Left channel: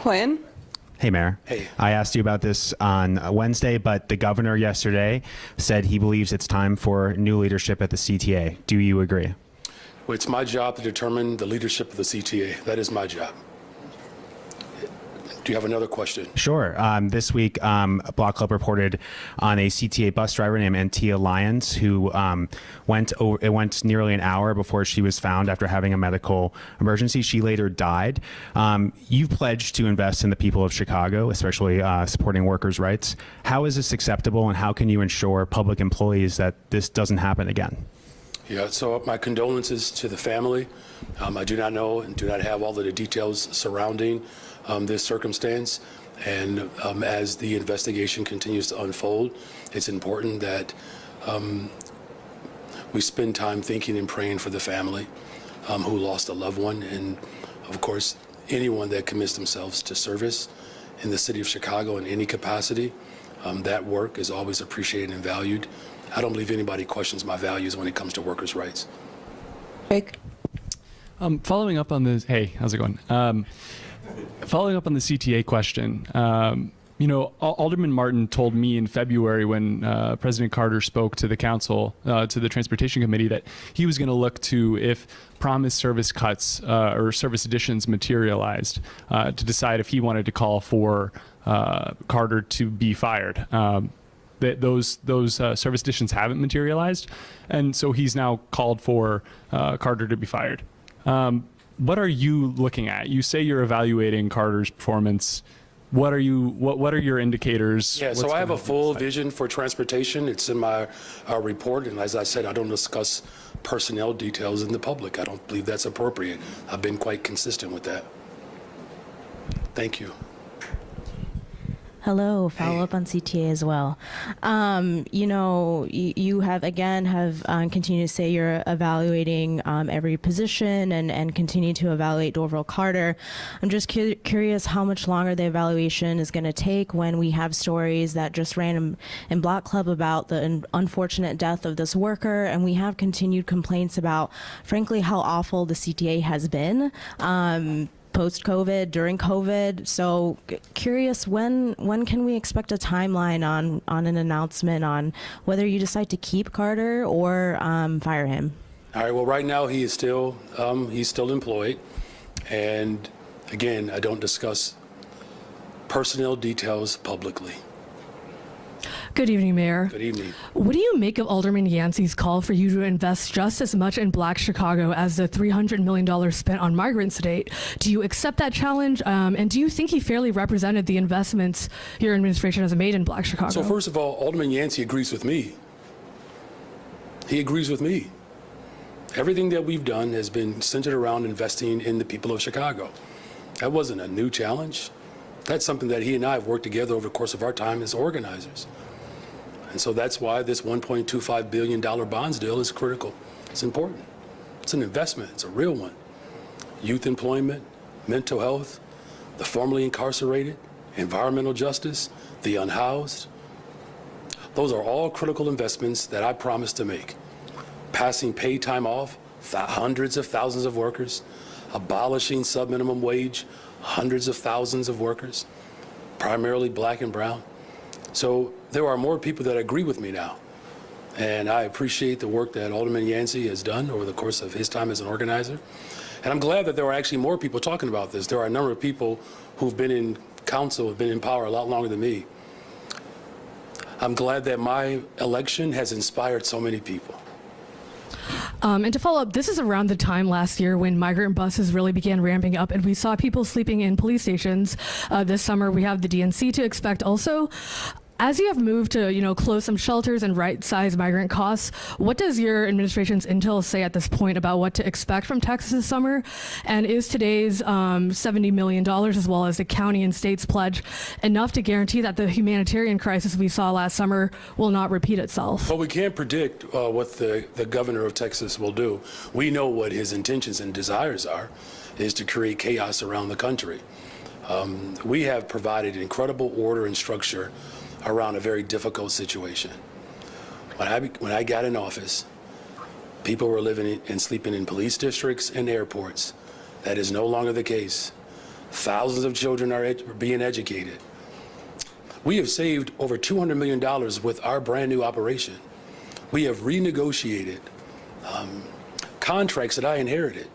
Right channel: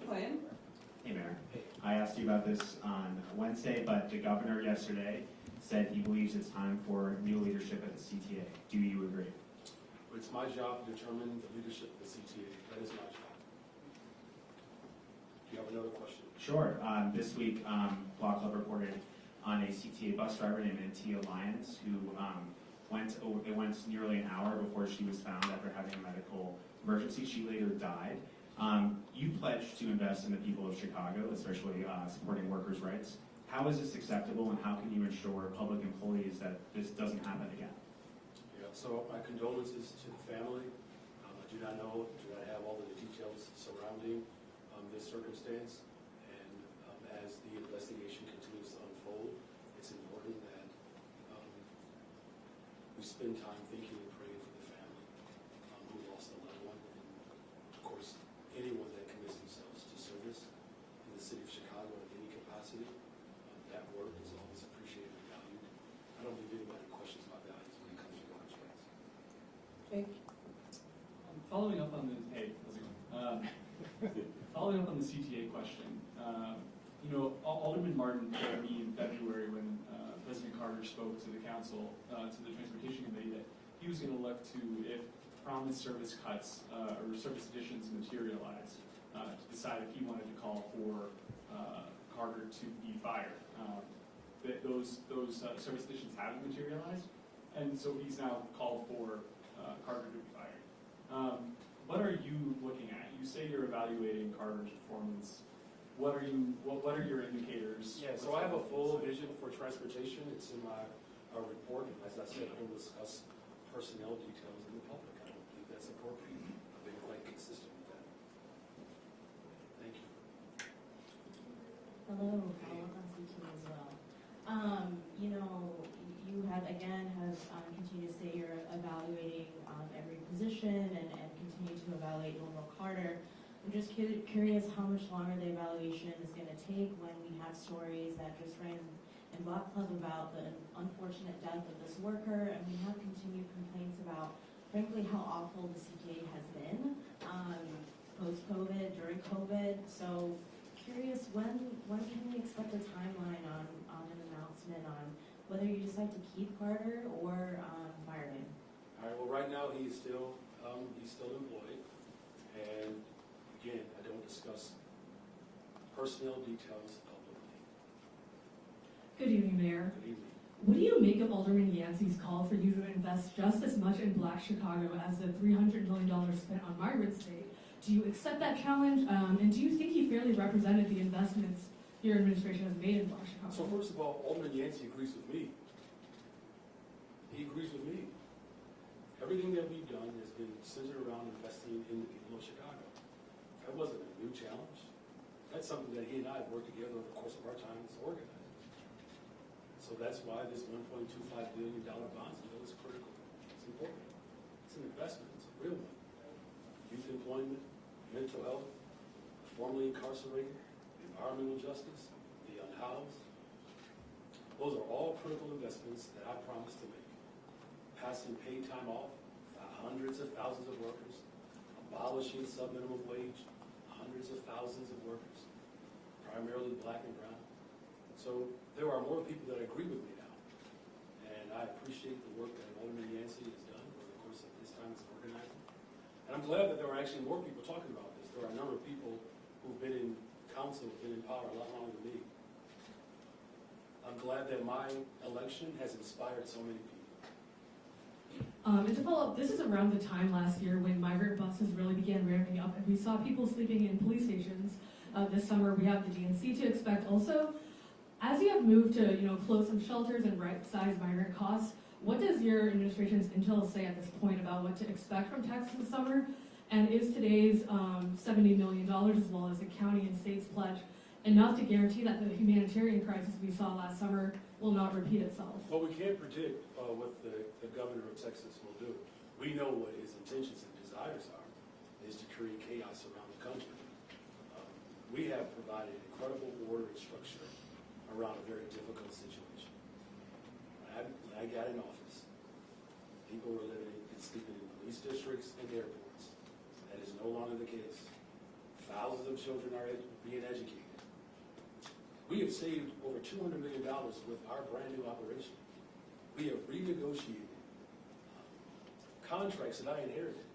Quinn? Hey, Mayor. Hey. I asked you about this on Wednesday, but the governor yesterday said he believes it's time for new leadership at the CTA. Do you agree? Well, it's my job to determine the leadership of the CTA. That is my job. Do you have another question? Sure. This week, Block Club reported on a CTA bus driver named Antia Lyons who it went nearly an hour before she was found after having a medical emergency. She later died. You've pledged to invest in the people of Chicago, especially supporting workers' rights. How is this acceptable, and how can you ensure public employees that this doesn't happen again? Yeah, so my condolences to the family. I do not know and do not have all of the details surrounding this circumstance, and as the investigation continues to unfold, it's important that we spend time thinking and praying for the family who lost a loved one, and of course anyone that commits themselves to service in the city of Chicago in any capacity. That work is always appreciated and valued. I don't believe anybody questions my values when it comes to workers' rights. Jake? Following up on this, hey, how's it going? Following up on the CTA question, you know, Alderman Martin told me in February when President Carter spoke to the council, to the Transportation Committee, that he was going to look to if promised service cuts or service additions materialized to decide if he wanted to call for Carter to be fired. Those service additions haven't materialized, and so he's now called for Carter to be fired. What are you looking at? You say you're evaluating Carter's performance. What are your indicators? Yeah, so I have a full vision for transportation. It's in my report, and as I said, I don't discuss personnel details in the public. I don't believe that's appropriate. I've been quite consistent with that. Thank you. Hello, follow up on CTA as well. You know, you have continued to say you're evaluating every position and continue to evaluate Dorville Carter. I'm just curious how much longer the evaluation is going to take when we have stories that just ran in Block Club about the unfortunate death of this worker, and we have continued complaints about, frankly, how awful the CTA has been. Post-COVID, during COVID. So curious, when can we expect a timeline on an announcement on whether you decide to keep Carter or fire him? All right, well, right now he is still, he's still employed. And again, I don't discuss personnel details publicly. Good evening, Mayor. Good evening. What do you make of Alderman Yancey's call for you to invest just as much in Black Chicago as the $300 million spent on migrants to date? Do you accept that challenge? And do you think he fairly represented the investments your administration has made in Black Chicago? So first of all, Alderman Yancey agrees with me. He agrees with me. Everything that we've done has been centered around investing in the people of Chicago. That wasn't a new challenge. That's something that he and I have worked together over the course of our time as organizers. And so that's why this $1.25 billion bonds deal is critical. It's important. It's an investment. It's a real one. Youth employment, mental health, the formerly incarcerated, environmental justice, the unhoused. Those are all critical investments that I promised to make. Passing paid time off, hundreds of thousands of workers, abolishing subminimum wage, hundreds of thousands of workers, primarily black and brown. So there are more people that agree with me now. And I appreciate the work that Alderman Yancey has done over the course of his time as an organizer. And I'm glad that there are actually more people talking about this. There are a number of people who've been in council, have been in power a lot longer than me. I'm glad that my election has inspired so many people. And to follow up, this is around the time last year when migrant buses really began ramping up, and we saw people sleeping in police stations. This summer, we have the DNC to expect also. As you have moved to, you know, close some shelters and right-size migrant costs, what does your administration's intel say at this point about what to expect from Texas this summer? And is today's $70 million, as well as the county and state's pledge, enough to guarantee that the humanitarian crisis we saw last summer will not repeat itself? Well, we can't predict what the governor of Texas will do. We know what his intentions and desires are, is to create chaos around the country. We have provided incredible order and structure around a very difficult situation. When I got in office, people were living and sleeping in police districts and airports. That is no longer the case. Thousands of children are being educated. We have saved over $200 million with our brand new operation. We have renegotiated contracts that I inherited.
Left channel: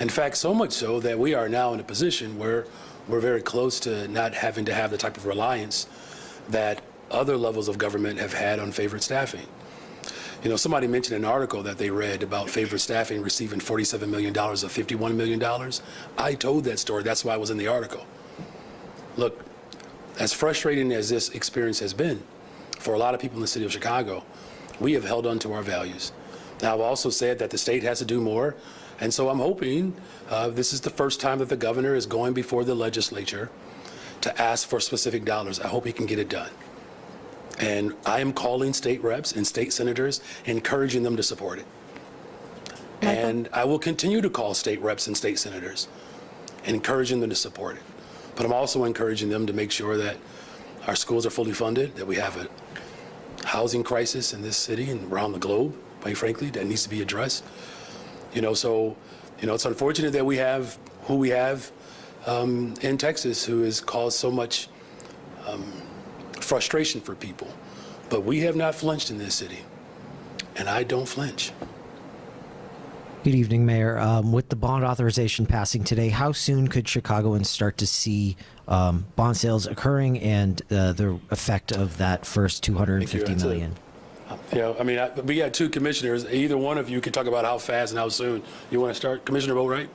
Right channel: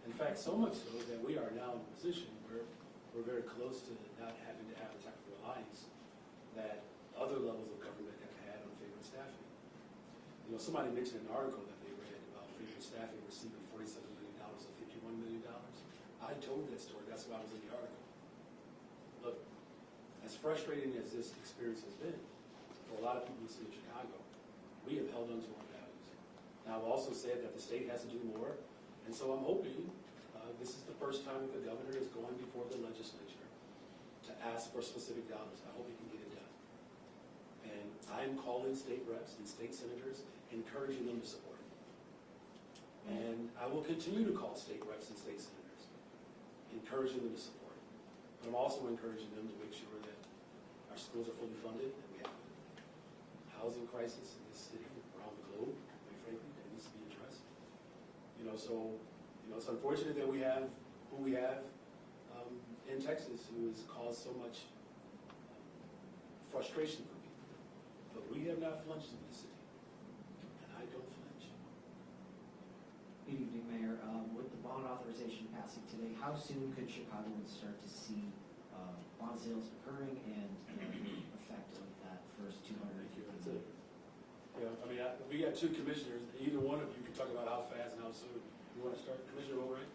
In fact, so much so that we are now in a position where we're very close to not having to have the type of reliance that other levels of government have had on favored staffing. You know, somebody mentioned an article that they read about favored staffing receiving $47 million of $51 million. I told that story. That's why I was in the article. Look, as frustrating as this experience has been for a lot of people in the city of Chicago, we have held on to our values. Now, I've also said that the state has to do more, and so I'm hoping this is the first time that the governor is going before the legislature to ask for specific dollars. I hope he can get it done. And I am calling state reps and state senators, encouraging them to support it. And I will continue to call state reps and state senators, encouraging them to support it. But I'm also encouraging them to make sure that our schools are fully funded, that we have a housing crisis in this city and around the globe, quite frankly, that needs to be addressed. You know, so, you know, it's unfortunate that we have who we have in Texas, who has caused so much frustration for people. But we have not flinched in this city, and I don't flinch. Good evening, Mayor. With the bond authorization passing today, how soon could Chicagoans start to see bond sales occurring and the effect of that first $250 million? You know, I mean, we got two commissioners. Either one of you can talk about how fast and how soon. You want to start? Commissioner Boatwright?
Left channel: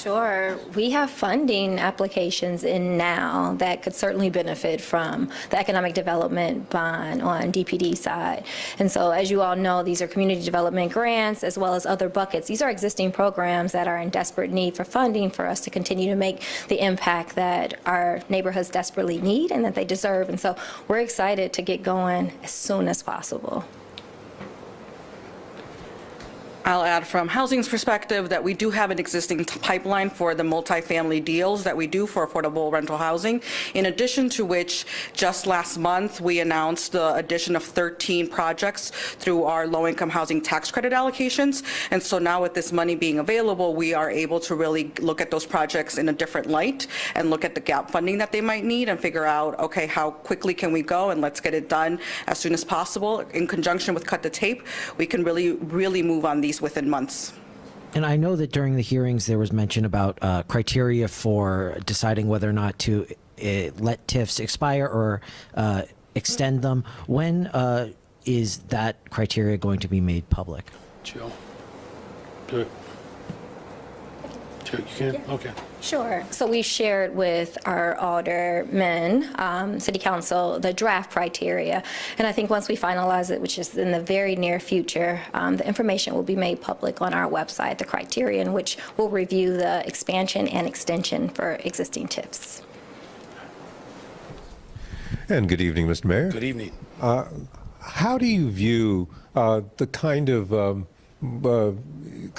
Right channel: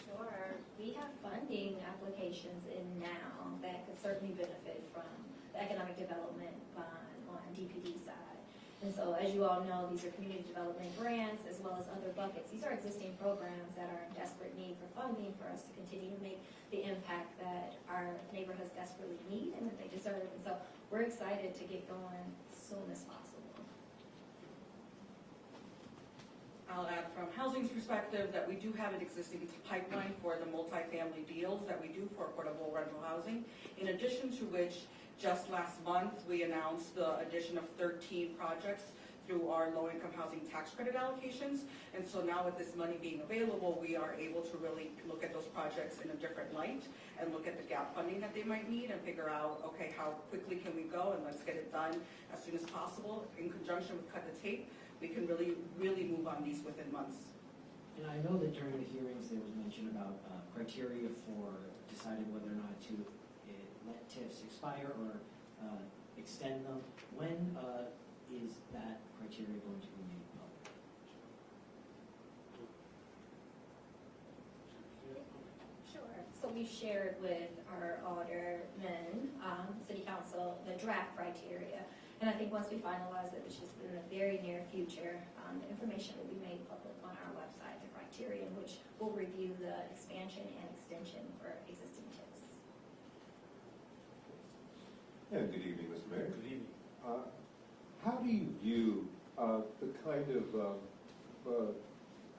Sure. We have funding applications in now that could certainly benefit from the economic development bond on DPD side. And so, as you all know, these are community development grants as well as other buckets. These are existing programs that are in desperate need for funding for us to continue to make the impact that our neighborhoods desperately need and that they deserve. And so we're excited to get going as soon as possible. I'll add from housing's perspective that we do have an existing pipeline for the multifamily deals that we do for affordable rental housing, in addition to which just last month we announced the addition of 13 projects through our low-income housing tax credit allocations. And so now with this money being available, we are able to really look at those projects in a different light and look at the gap funding that they might need and figure out, okay, how quickly can we go, and let's get it done as soon as possible. In conjunction with Cut the Tape, we can really move on these within months. And I know that during the hearings there was mention about criteria for deciding whether or not to let TIFs expire or extend them. When is that criteria going to be made public? Jill, do it. Jill, you can? Okay. Sure. So we've shared with our aldermen, city council, the draft criteria. And I think once we finalize it, which is in the very near future, the information will be made public on our website, the criteria in which we'll review the expansion and extension for existing TIFs. And good evening, Mr. Mayor. Good evening. How do you view the kind of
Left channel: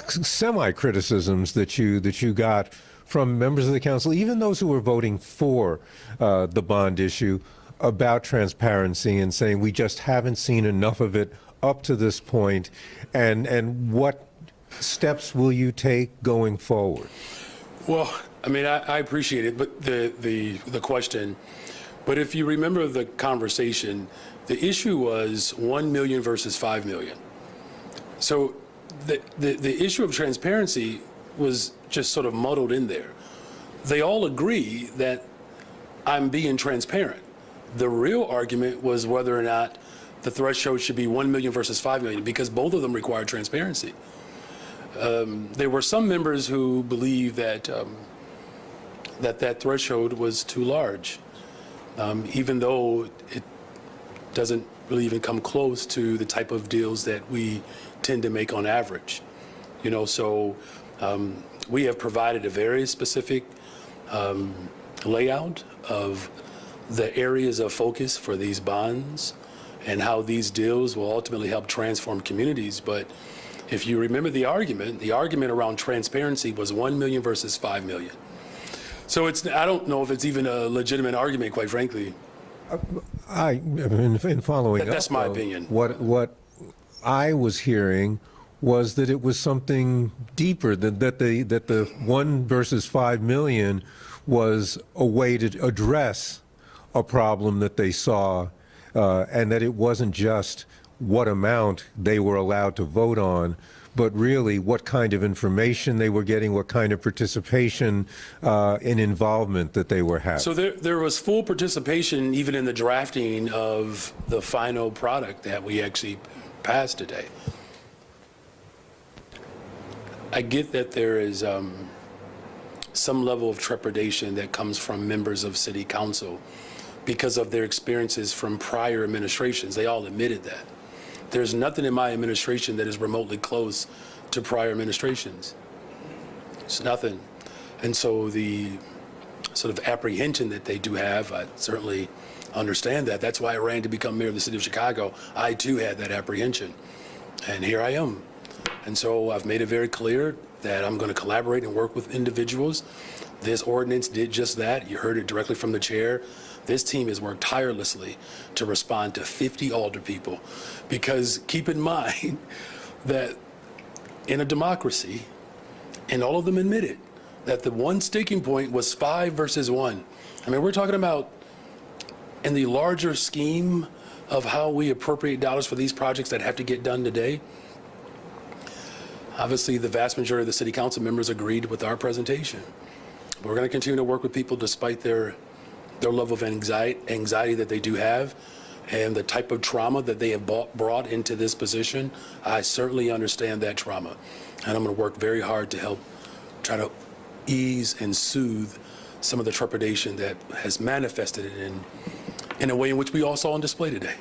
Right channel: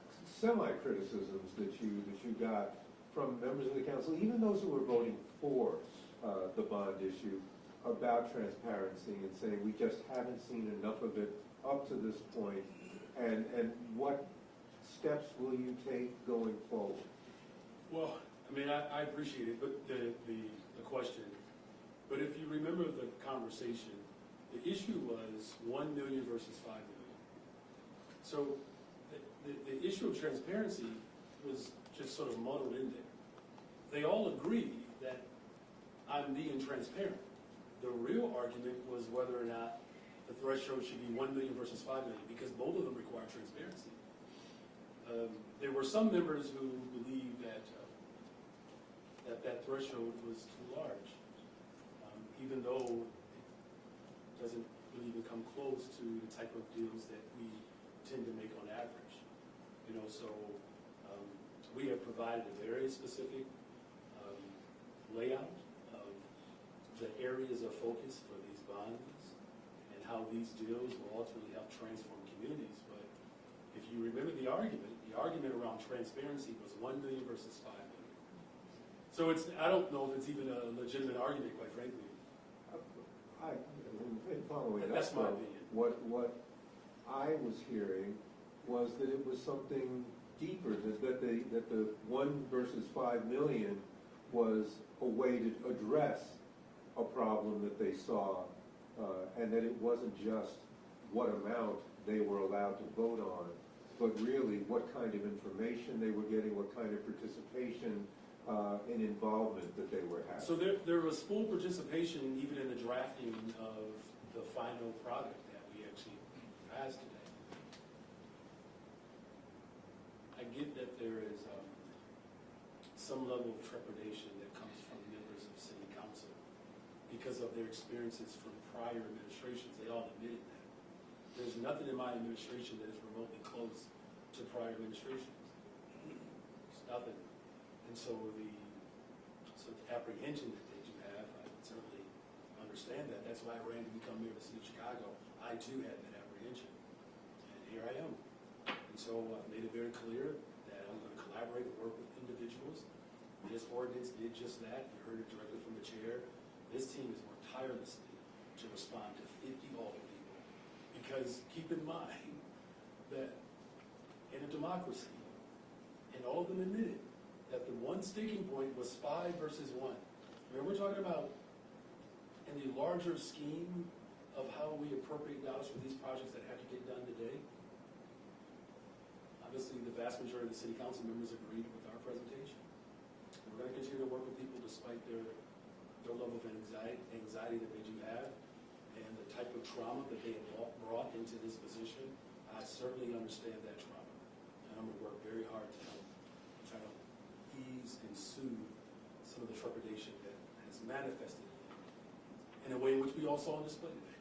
semi-criticisms that you got from members of the council, even those who were voting for the bond issue, about transparency and saying we just haven't seen enough of it up to this point, and what steps will you take going forward? Well, I mean, I appreciate it, but the question. But if you remember the conversation, the issue was 1 million versus 5 million. So the issue of transparency was just sort of muddled in there. They all agree that I'm being transparent. The real argument was whether or not the threshold should be 1 million versus 5 million, because both of them require transparency. There were some members who believed that that threshold was too large, even though it doesn't really even come close to the type of deals that we tend to make on average. You know, so we have provided a very specific layout of the areas of focus for these bonds and how these deals will ultimately help transform communities. But if you remember the argument around transparency was 1 million versus 5 million. So I don't know if it's even a legitimate argument, quite frankly. In following That's up, my though, opinion. What I was hearing was that it was something deeper, that the 1 versus 5 million was a way to address a problem that they saw, and that it wasn't just what amount they were allowed to vote on, but really what kind of information they were getting, what kind of participation and involvement that they were having. So there was full participation even in the drafting of the final product that we actually passed today. I get that there is some level of trepidation that comes from members of city council because of their experiences from prior administrations. They all admitted that. There's nothing in my administration that is remotely close to prior administrations. It's nothing. And so the sort of apprehension that they do have, I certainly understand that. That's why I ran to become mayor of the city of Chicago. I too had that apprehension. And here I am. And so I've made it very clear that I'm going to collaborate and work with individuals. This ordinance did just that. You heard it directly from the chair. This team has worked tirelessly to respond to 50 alder people, because keep in mind that in a democracy, and all of them admitted, that the one sticking point was 5 versus 1. I mean, we're talking about in the larger scheme of how we appropriate dollars for these projects that have to get done today. Obviously, the vast majority of the city council members agreed with our presentation. We're going to continue to work with people despite their level of anxiety that they do have, and the type of trauma that they have brought into this position. I certainly understand that trauma, and I'm going to work very hard to help try to ease and soothe some of the trepidation that has manifested in a way in which we all saw on display today.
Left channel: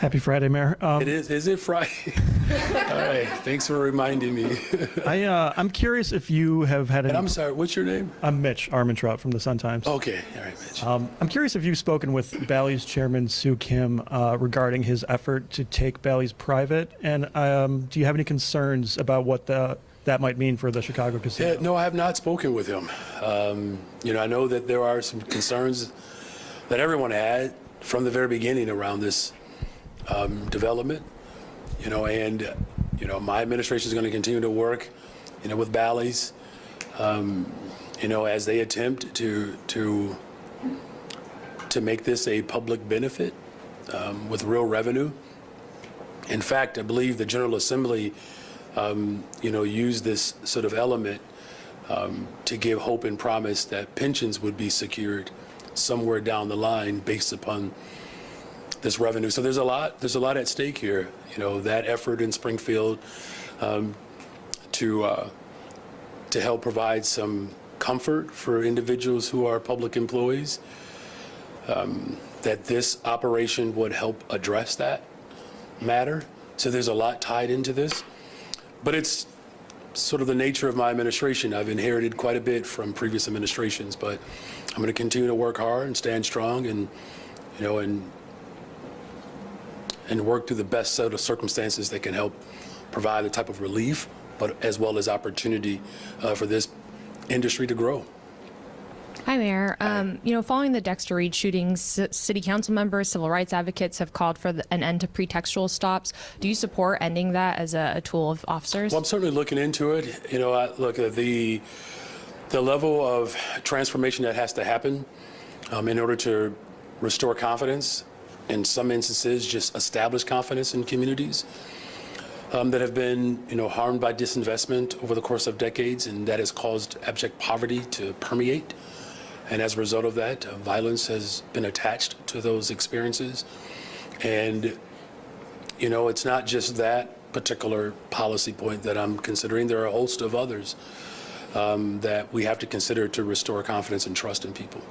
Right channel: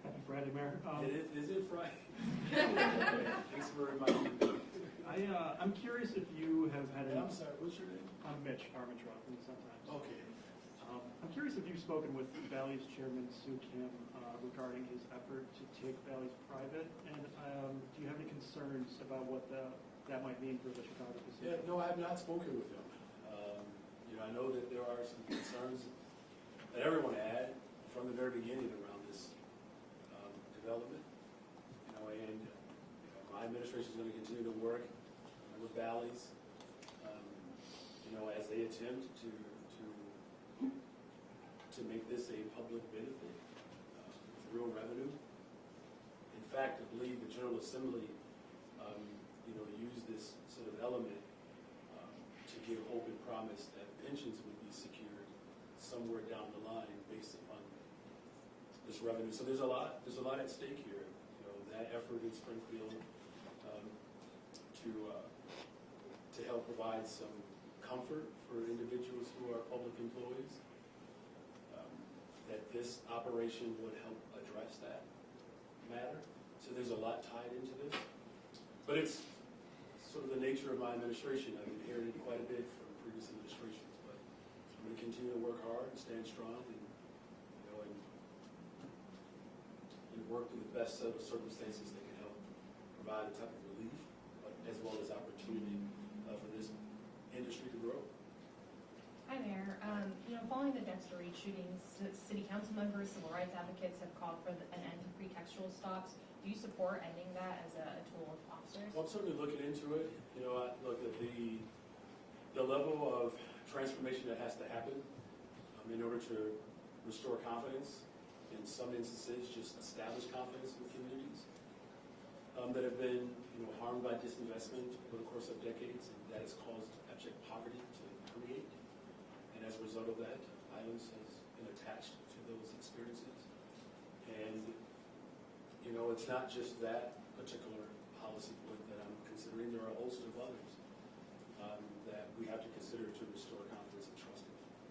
Happy Friday, Mayor. Is it Friday? All right, thanks for reminding me. I'm curious if you have had And any... I'm sorry, what's your name? I'm Mitch Armentrout from the Sun-Times. Okay, all right, Mitch. I'm curious if you've spoken with Bally's chairman, Sue Kim, regarding his effort to take Bally's private, and do you have any concerns about what that might mean for the Chicago casino? Yeah, no, I have not spoken with him. I know that there are some concerns that everyone had from the very beginning around this development, my administration is going to continue to work, with Bally's, as they attempt to make this a public benefit with real revenue. In fact, I believe the General Assembly, used this sort of element to give hope and promise that pensions would be secured somewhere down the line based upon this revenue. So there's a lot at stake here. That effort in Springfield to help provide some comfort for individuals who are public employees, that this operation would help address that matter. So there's a lot tied into this, but it's sort of the nature of my administration. I've inherited quite a bit from previous administrations, but I'm going to continue to work hard and stand strong and work through the best set of circumstances that can help provide the type of relief, but as well as opportunity for this industry to grow. Hi, Mayor. Following the Dexter Reed shootings, city council members, civil rights advocates have called for an end to pretextual stops. Do you support ending that as a tool of officers? Well, I'm certainly looking into it. I look at the level of transformation that has to happen in order to restore confidence. In some instances, just establish confidence in communities that have been, harmed by disinvestment over the course of decades, and that has caused abject poverty to permeate. And as a result of that, violence has been attached to those experiences. And, it's not just that particular policy point that I'm considering. There are a host of others that we have to consider to restore confidence and trust in people.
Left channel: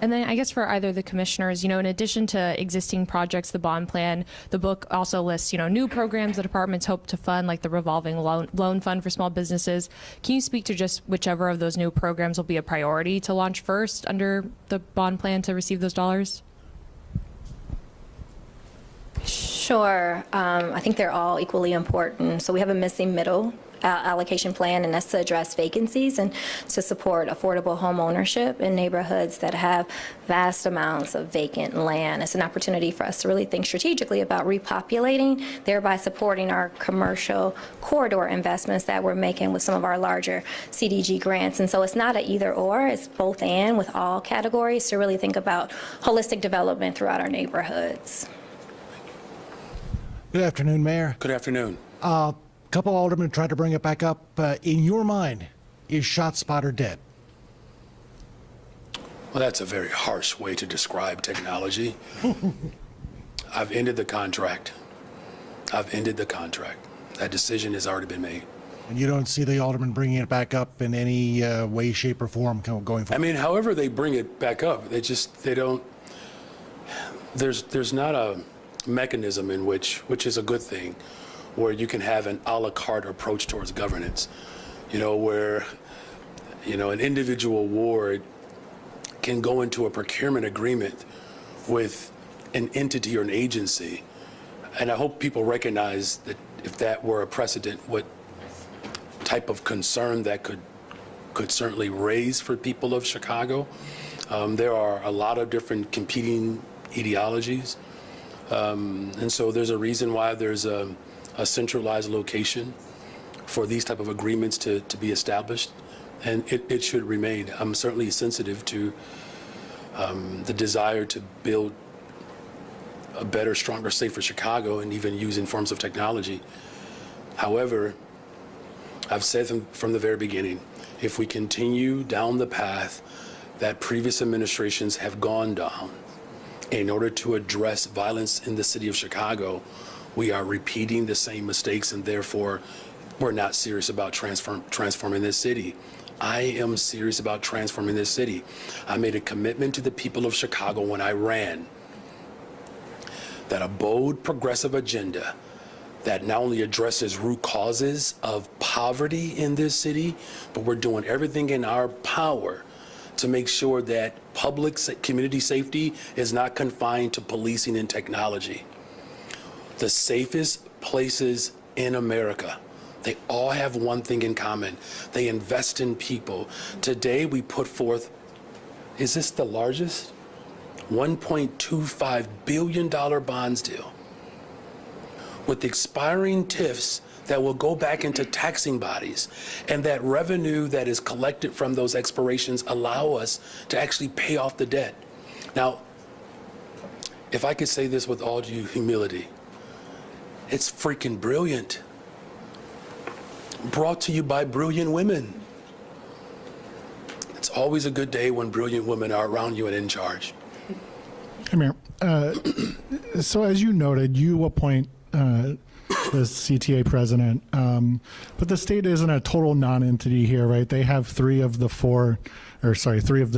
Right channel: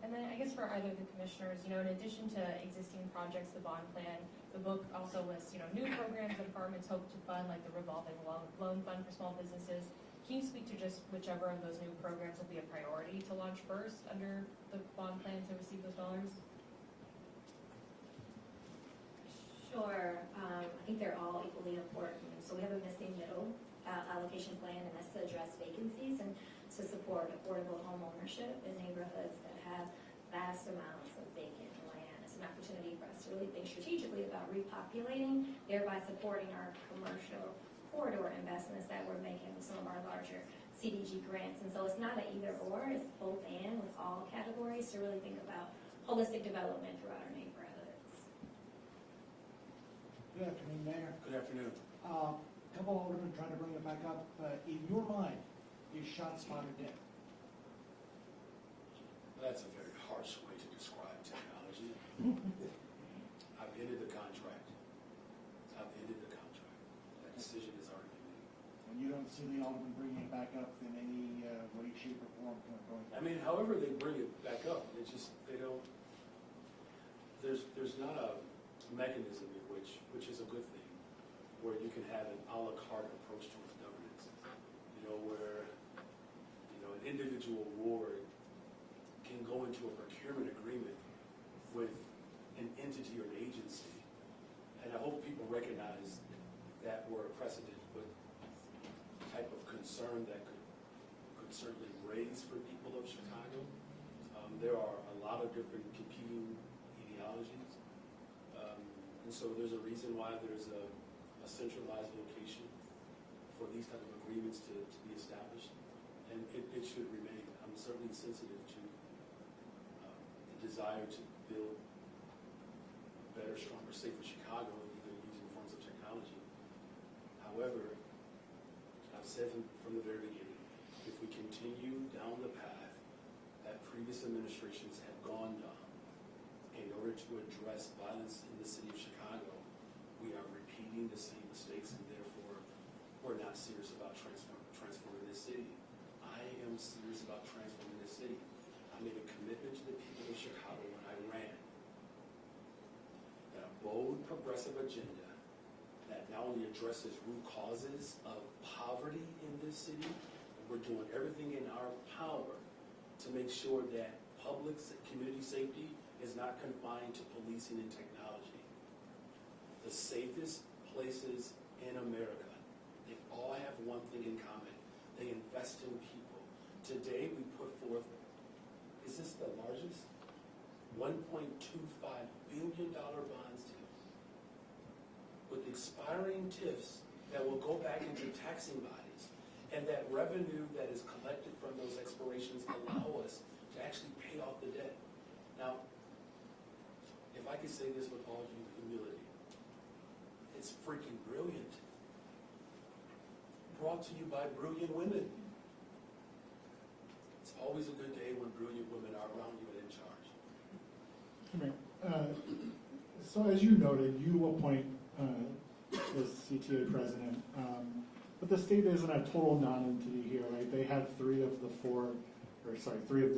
And then I guess for either of the commissioners, in addition to existing projects, the bond plan, the book also lists, new programs the departments hope to fund, like the revolving loan fund for small businesses. Can you speak to just whichever of those new programs will be a priority to launch first under the bond plan to receive those dollars? Sure. I think they're all equally important. So we have a missing middle allocation plan, and that's to address vacancies and to support affordable home ownership in neighborhoods that have vast amounts of vacant land. It's an opportunity for us to really think strategically about repopulating, thereby supporting our commercial corridor investments that we're making with some of our larger CDG grants. And so it's not an either or, it's both and with all categories to really think about holistic development throughout our neighborhoods. Good afternoon, Mayor. Good afternoon. A couple aldermen tried to bring it back up. In your mind, is ShotSpotter dead? Well, that's a very harsh way to describe technology. I've ended the contract. I've ended the contract. That decision has already been made. And you don't see the aldermen bringing it back up in any way, shape, or form going I forward? mean, however they bring it back up, they don't, there's not a mechanism in which is a good thing, where you can have an a la carte approach towards governance, where, an individual ward can go into a procurement agreement with an entity or an agency. And I hope people recognize that if that were a precedent, what type of concern that could certainly raise for people of Chicago. There are a lot of different competing ideologies. And so there's a reason why there's a centralized location for these type of agreements to be established, and it should remain. I'm certainly sensitive to the desire to build a better, stronger, safer Chicago, and even using forms of technology. However, I've said from the very beginning, if we continue down the path that previous administrations have gone down, in order to address violence in the city of Chicago, we are repeating the same mistakes, and therefore we're not serious about transforming this city. I am serious about transforming this city. I made a commitment to the people of Chicago when I ran that a bold, progressive agenda that not only addresses root causes of poverty in this city, but we're doing everything in our power to make sure that community safety is not confined to policing and technology. The safest places in America, they all have one thing in common. They invest in people. Today we put forth, is this the largest? $1.25 billion bonds deal with expiring TIFs that will go back into taxing bodies, and that revenue that is collected from those expirations allow us to actually pay off the debt. Now, if I could say this with all due humility, it's freaking brilliant. Brought to you by brilliant women. It's always a good day when brilliant women are around you and in charge. Hey, Mayor. So as you noted, you appoint the CTA president, but the state isn't a total non-entity here, right? They have three of the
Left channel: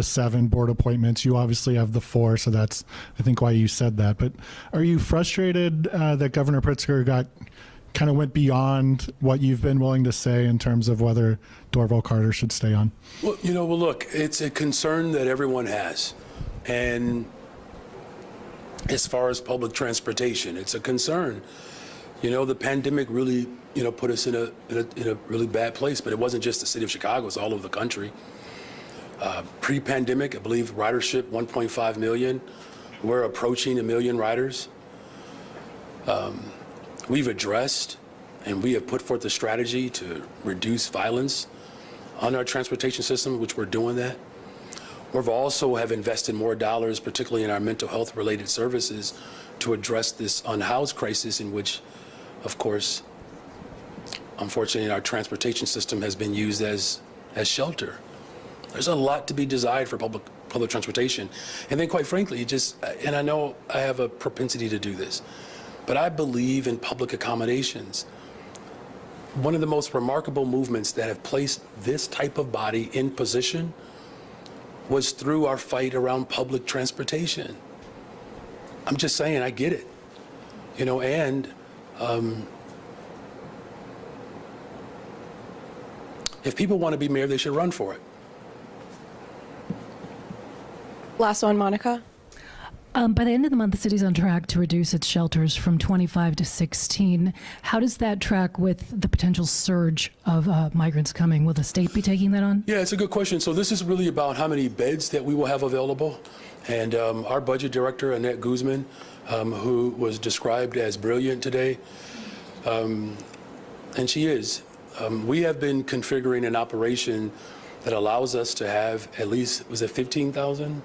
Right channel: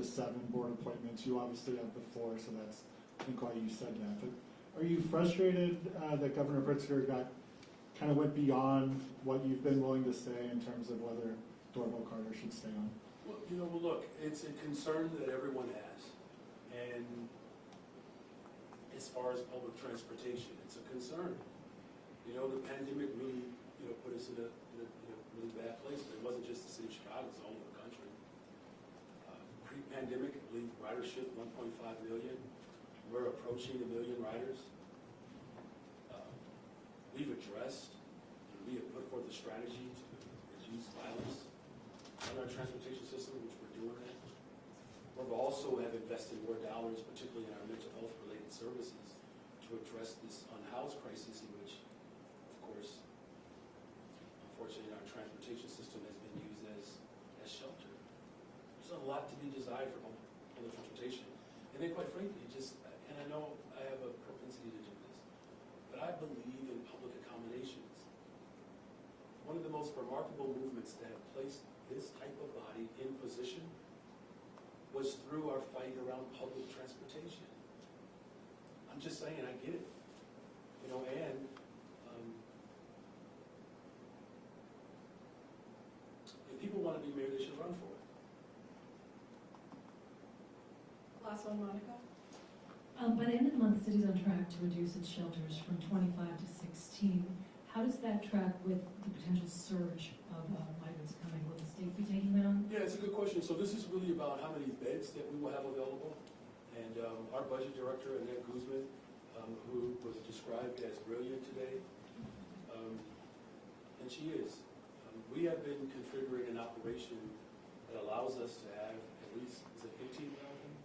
7 board appointments. You obviously have the 4, so that's, I think, why you said that. But are you frustrated that Governor Pritzker kind of went beyond what you've been willing to say in terms of whether Dorval Carter should stay on? Well, look, it's a concern that everyone has. And as far as public transportation, it's a concern. The pandemic really, put us in a really bad place, but it wasn't just the city of Chicago, it's all over the country. Pre-pandemic, I believe ridership 1.5 million. We're approaching 1 million riders. We've addressed and we have put forth a strategy to reduce violence on our transportation system, which we're doing that. We've also have invested more dollars, particularly in our mental health related services, to address this unhoused crisis in which, of course, unfortunately, our transportation system has been used as shelter. There's a lot to be desired for public transportation. And then quite frankly, and I know I have a propensity to do this, but I believe in public accommodations. One of the most remarkable movements that have placed this type of body in position was through our fight around public transportation. I'm just saying, I get it. And if people want to be mayor, they should run for it. Last one, Monica. By the end of the month, the city's on track to reduce its shelters from 25 to 16. How does that track with the potential surge of migrants coming? Will the state be taking that on? Yeah, it's a good question. So this is really about how many beds that we will have available. And our budget director, Annette Guzman, who was described as brilliant today, and she is, we have been configuring an operation that allows us to have at least, was it 15,000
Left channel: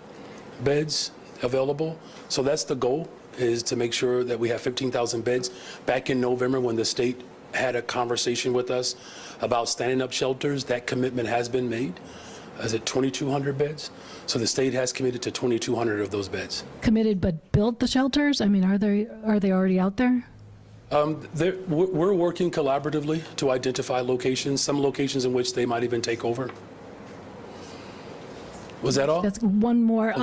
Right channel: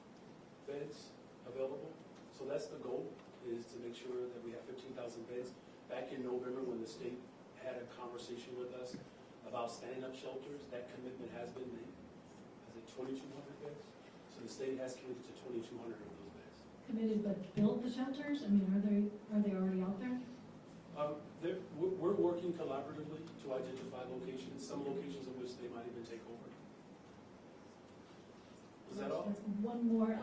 beds available? So that's the goal, is to make sure that we have 15,000 beds. Back in November, when the state had a conversation with us about standing up shelters, that commitment has been made. Is it 2,200 beds? So the state has committed to 2,200 of those beds. Committed but built the shelters? I mean, are they already out there? We're working collaboratively to identify locations, some locations in which they might even take over. Was that all? That's one more.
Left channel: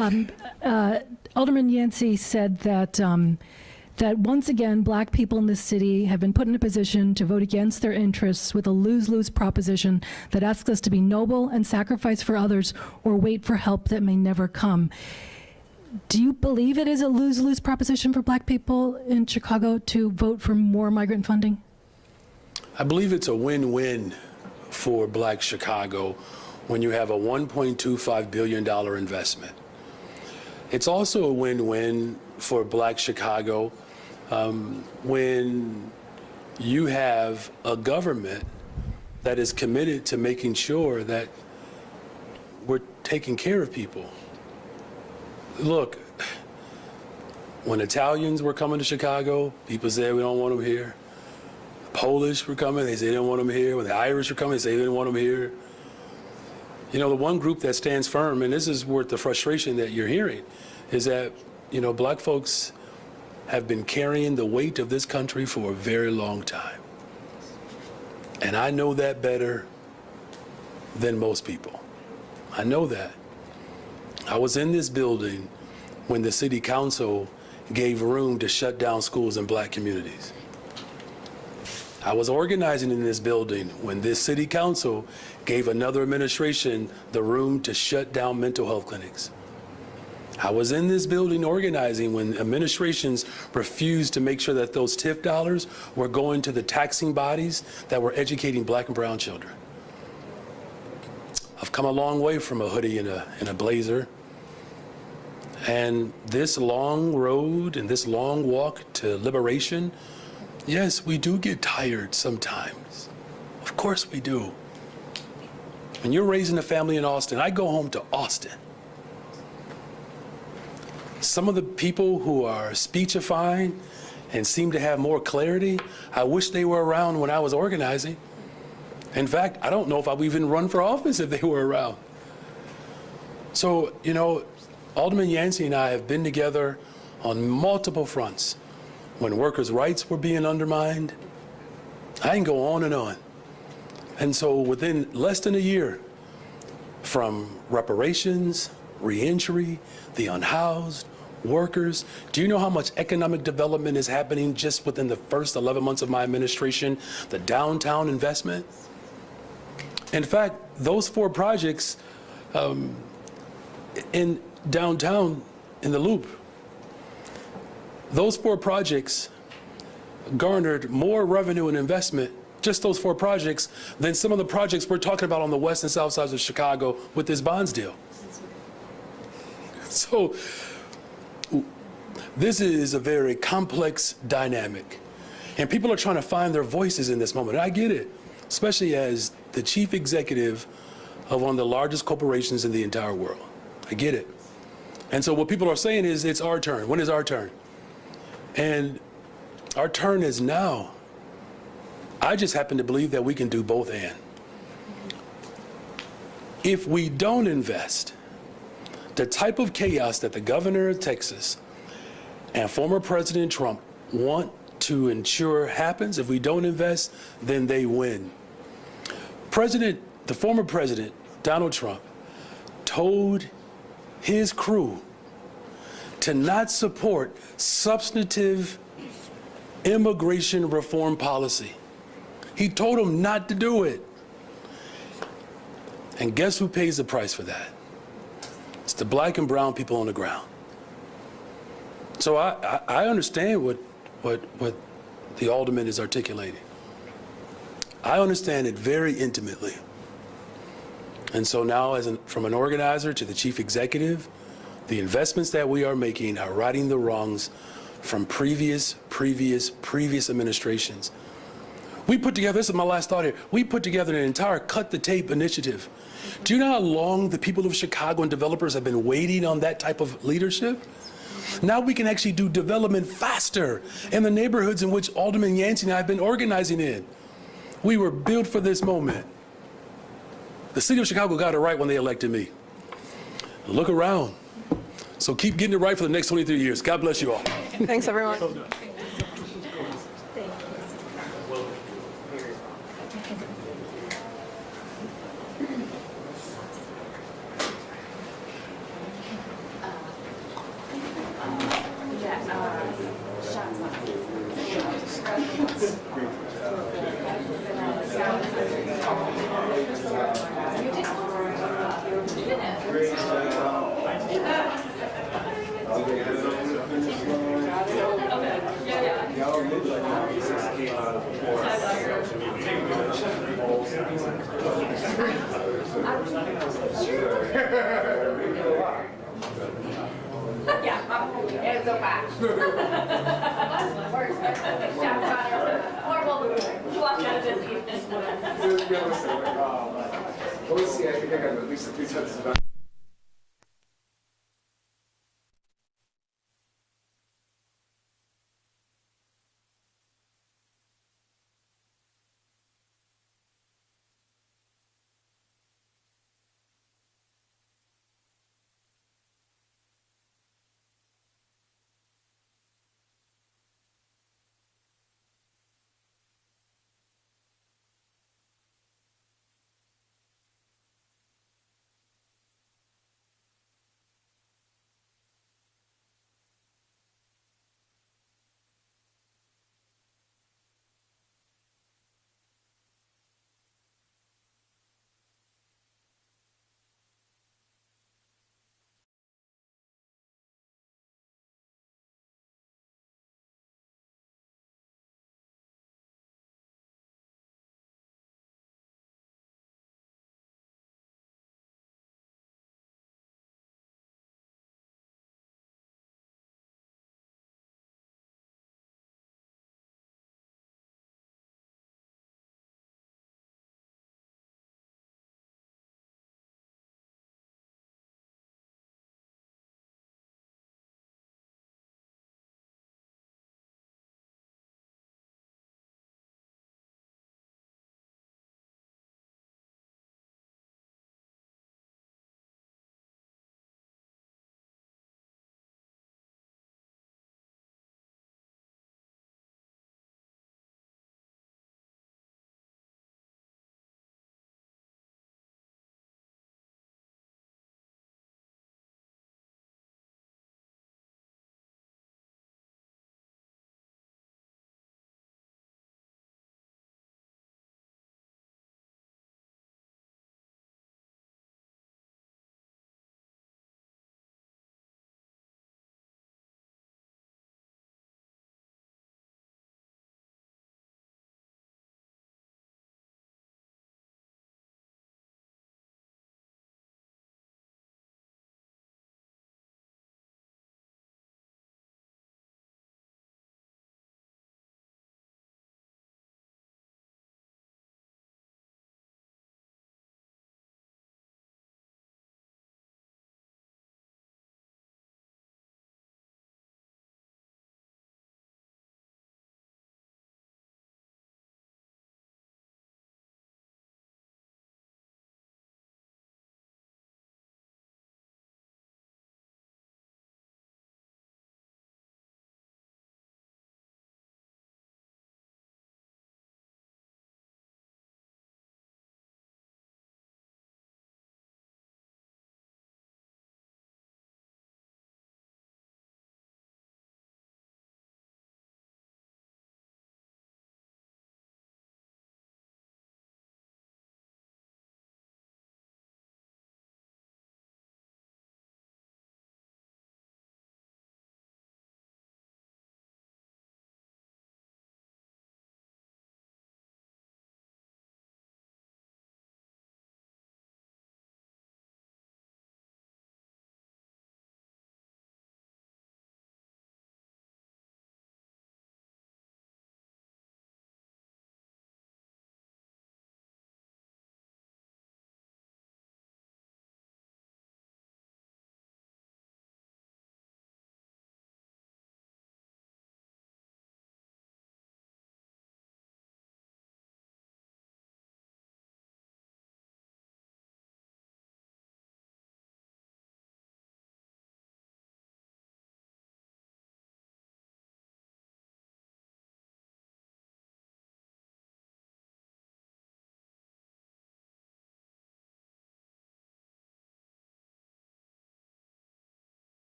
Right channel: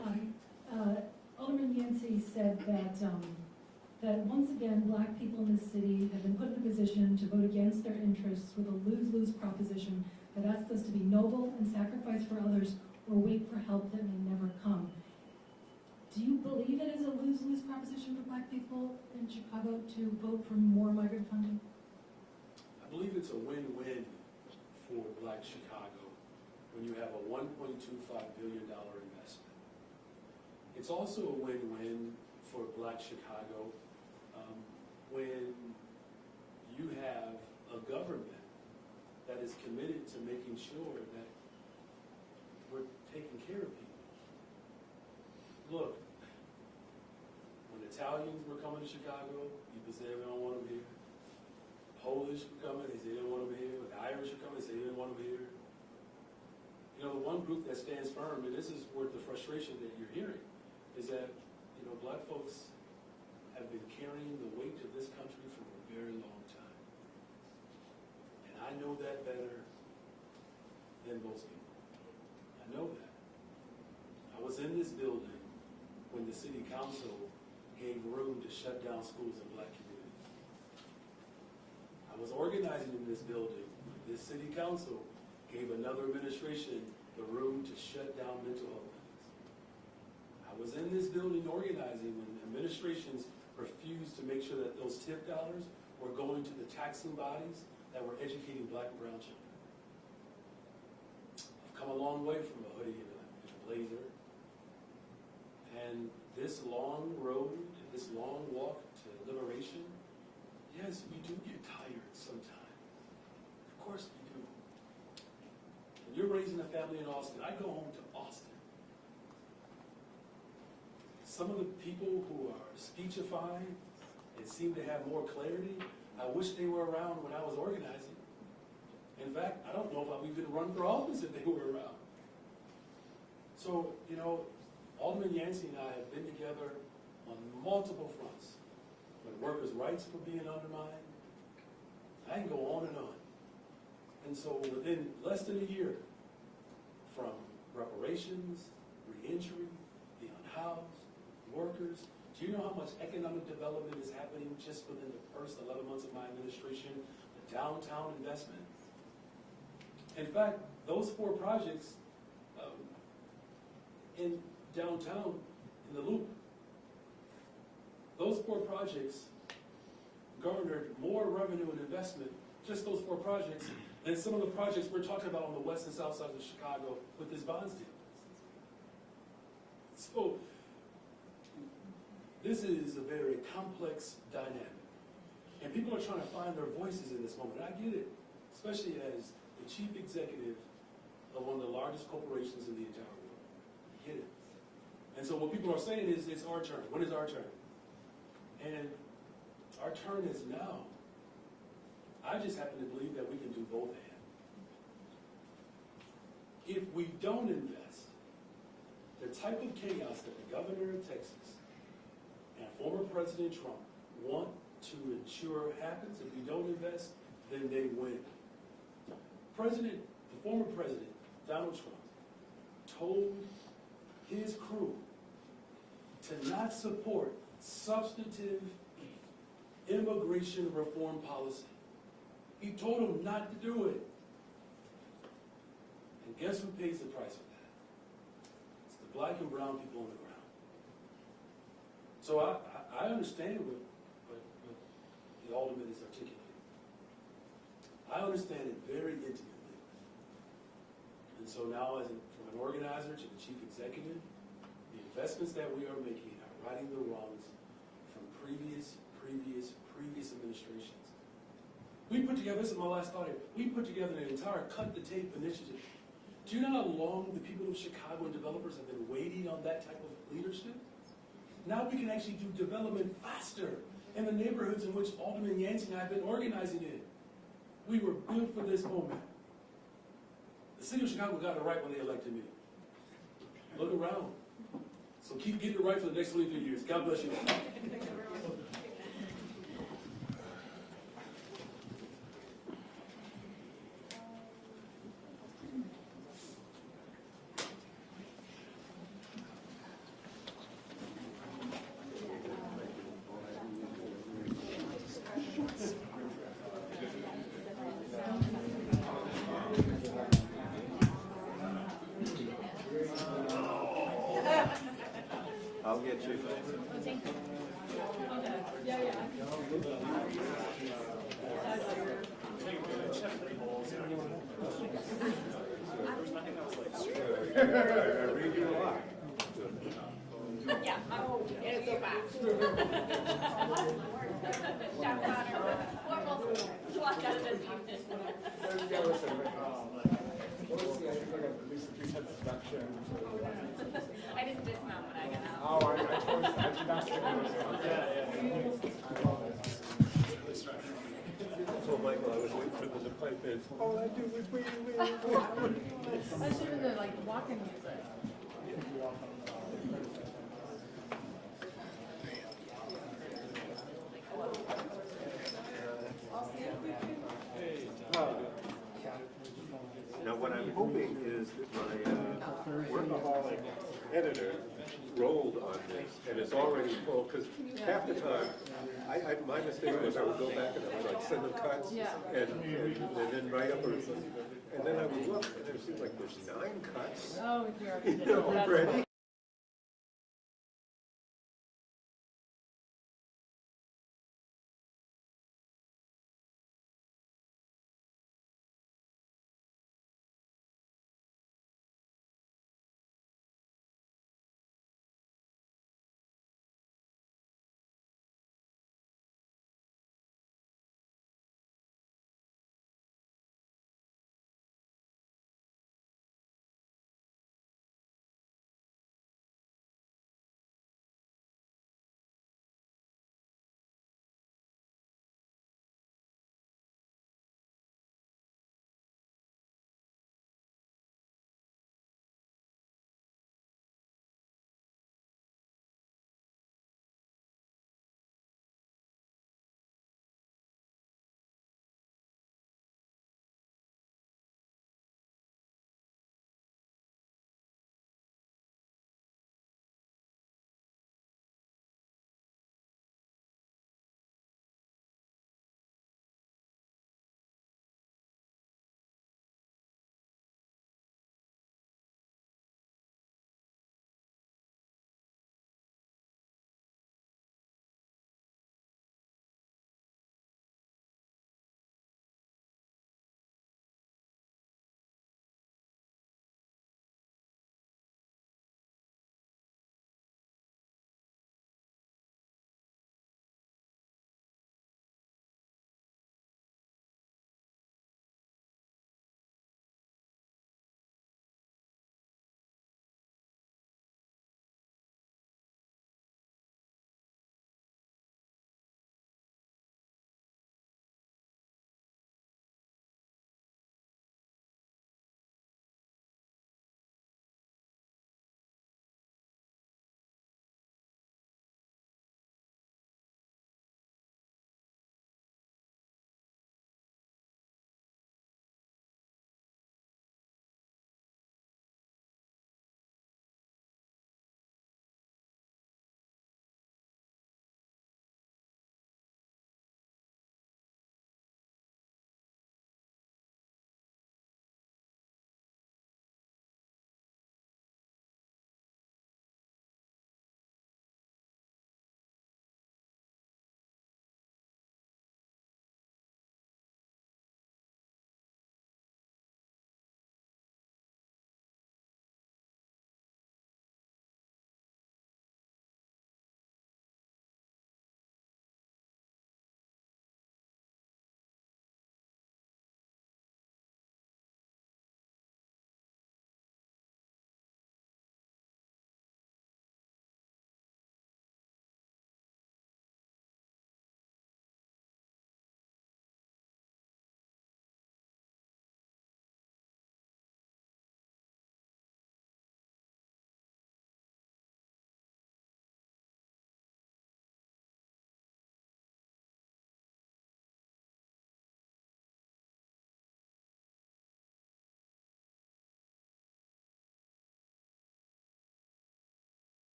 Alderman Yancey said that that once again, black people in this city have been put in a position to vote against their interests with a lose-lose proposition that asks us to be noble and sacrifice for others or wait for help that may never come. Do you believe it is a lose-lose proposition for black people in Chicago to vote for more migrant funding? I believe it's a win-win for Black Chicago when you have a $1.25 billion investment. It's also a win-win for Black Chicago when you have a government that is committed to making sure that we're taking care of people. Look, when Italians were coming to Chicago, people said we don't want them here. Polish were coming, they said they didn't want them here. When the Irish were coming, they said they didn't want them here. You know, the one group that stands firm, and this is worth the frustration that you're hearing, is that, you know, black folks have been carrying the weight of this country for a very long time. And I know that better than most people. I know that. I was in this building when the city council gave room to shut down schools in black communities. I was organizing in this building when this city council gave another administration the room to shut down mental health clinics. I was in this building organizing when administrations refused to make sure that those TIF dollars were going to the taxing bodies that were educating black and brown children. I've come a long way from a hoodie and a blazer. And this long road and this long walk to liberation, yes, we do get tired sometimes. Of course we do. When you're raising a family in Austin, I go home to Austin. Some of the people who are speechifying and seem to have more clarity, I wish they were around when I was organizing. In fact, I don't know if I would even run for office if they were around. So, you know, Alderman Yancey and I have been together on multiple fronts. When workers' rights were being undermined, I can go on and on. And so within less than a year, from reparations, reentry, the unhoused, workers, do you know how much economic development is happening just within the first 11 months of my administration? The downtown investment. In fact, those 4 projects in downtown in the Loop, those 4 projects garnered more revenue and investment, just those 4 projects, than some of the projects we're talking about on the west and south sides of Chicago with this bonds deal. So this is a very complex dynamic, and people are trying to find their voices in this moment. And I get it, especially as the chief executive of one of the largest corporations in the entire world. I get it. And so what people are saying is, it's our turn. When is our turn? And our turn is now. I just happen to believe that we can do both and. If we don't invest, the type of chaos that the governor of Texas and former President Trump want to ensure happens, if we don't invest, then they win. The former president, Donald Trump, told his crew to not support substantive immigration reform policy. He told them not to do it. And guess who pays the price for that? It's the black and brown people on the ground. So I understand what the alderman is articulating. I understand it very intimately. And so now, from an organizer to the chief executive, the investments that we are making are righting the wrongs from previous administrations. We put together, this is my last thought here, we put together an entire cut the tape initiative. Do you know how long the people of Chicago and developers have been waiting on that type of leadership? Now we can actually do development faster in the neighborhoods in which Alderman Yancey and I have been organizing in. We were built for this moment. The city of Chicago got it right when they elected me. Look around. So keep getting it right for the next 23 years. God bless you all. Thanks, everyone. Now, what I'm hoping is that my workaholic editor rolled on this and is already full, because half the time, my mistake was I would go back and I would like send them cuts and then write up a, and then I would look and it seems like there's 9 cuts. Oh, already.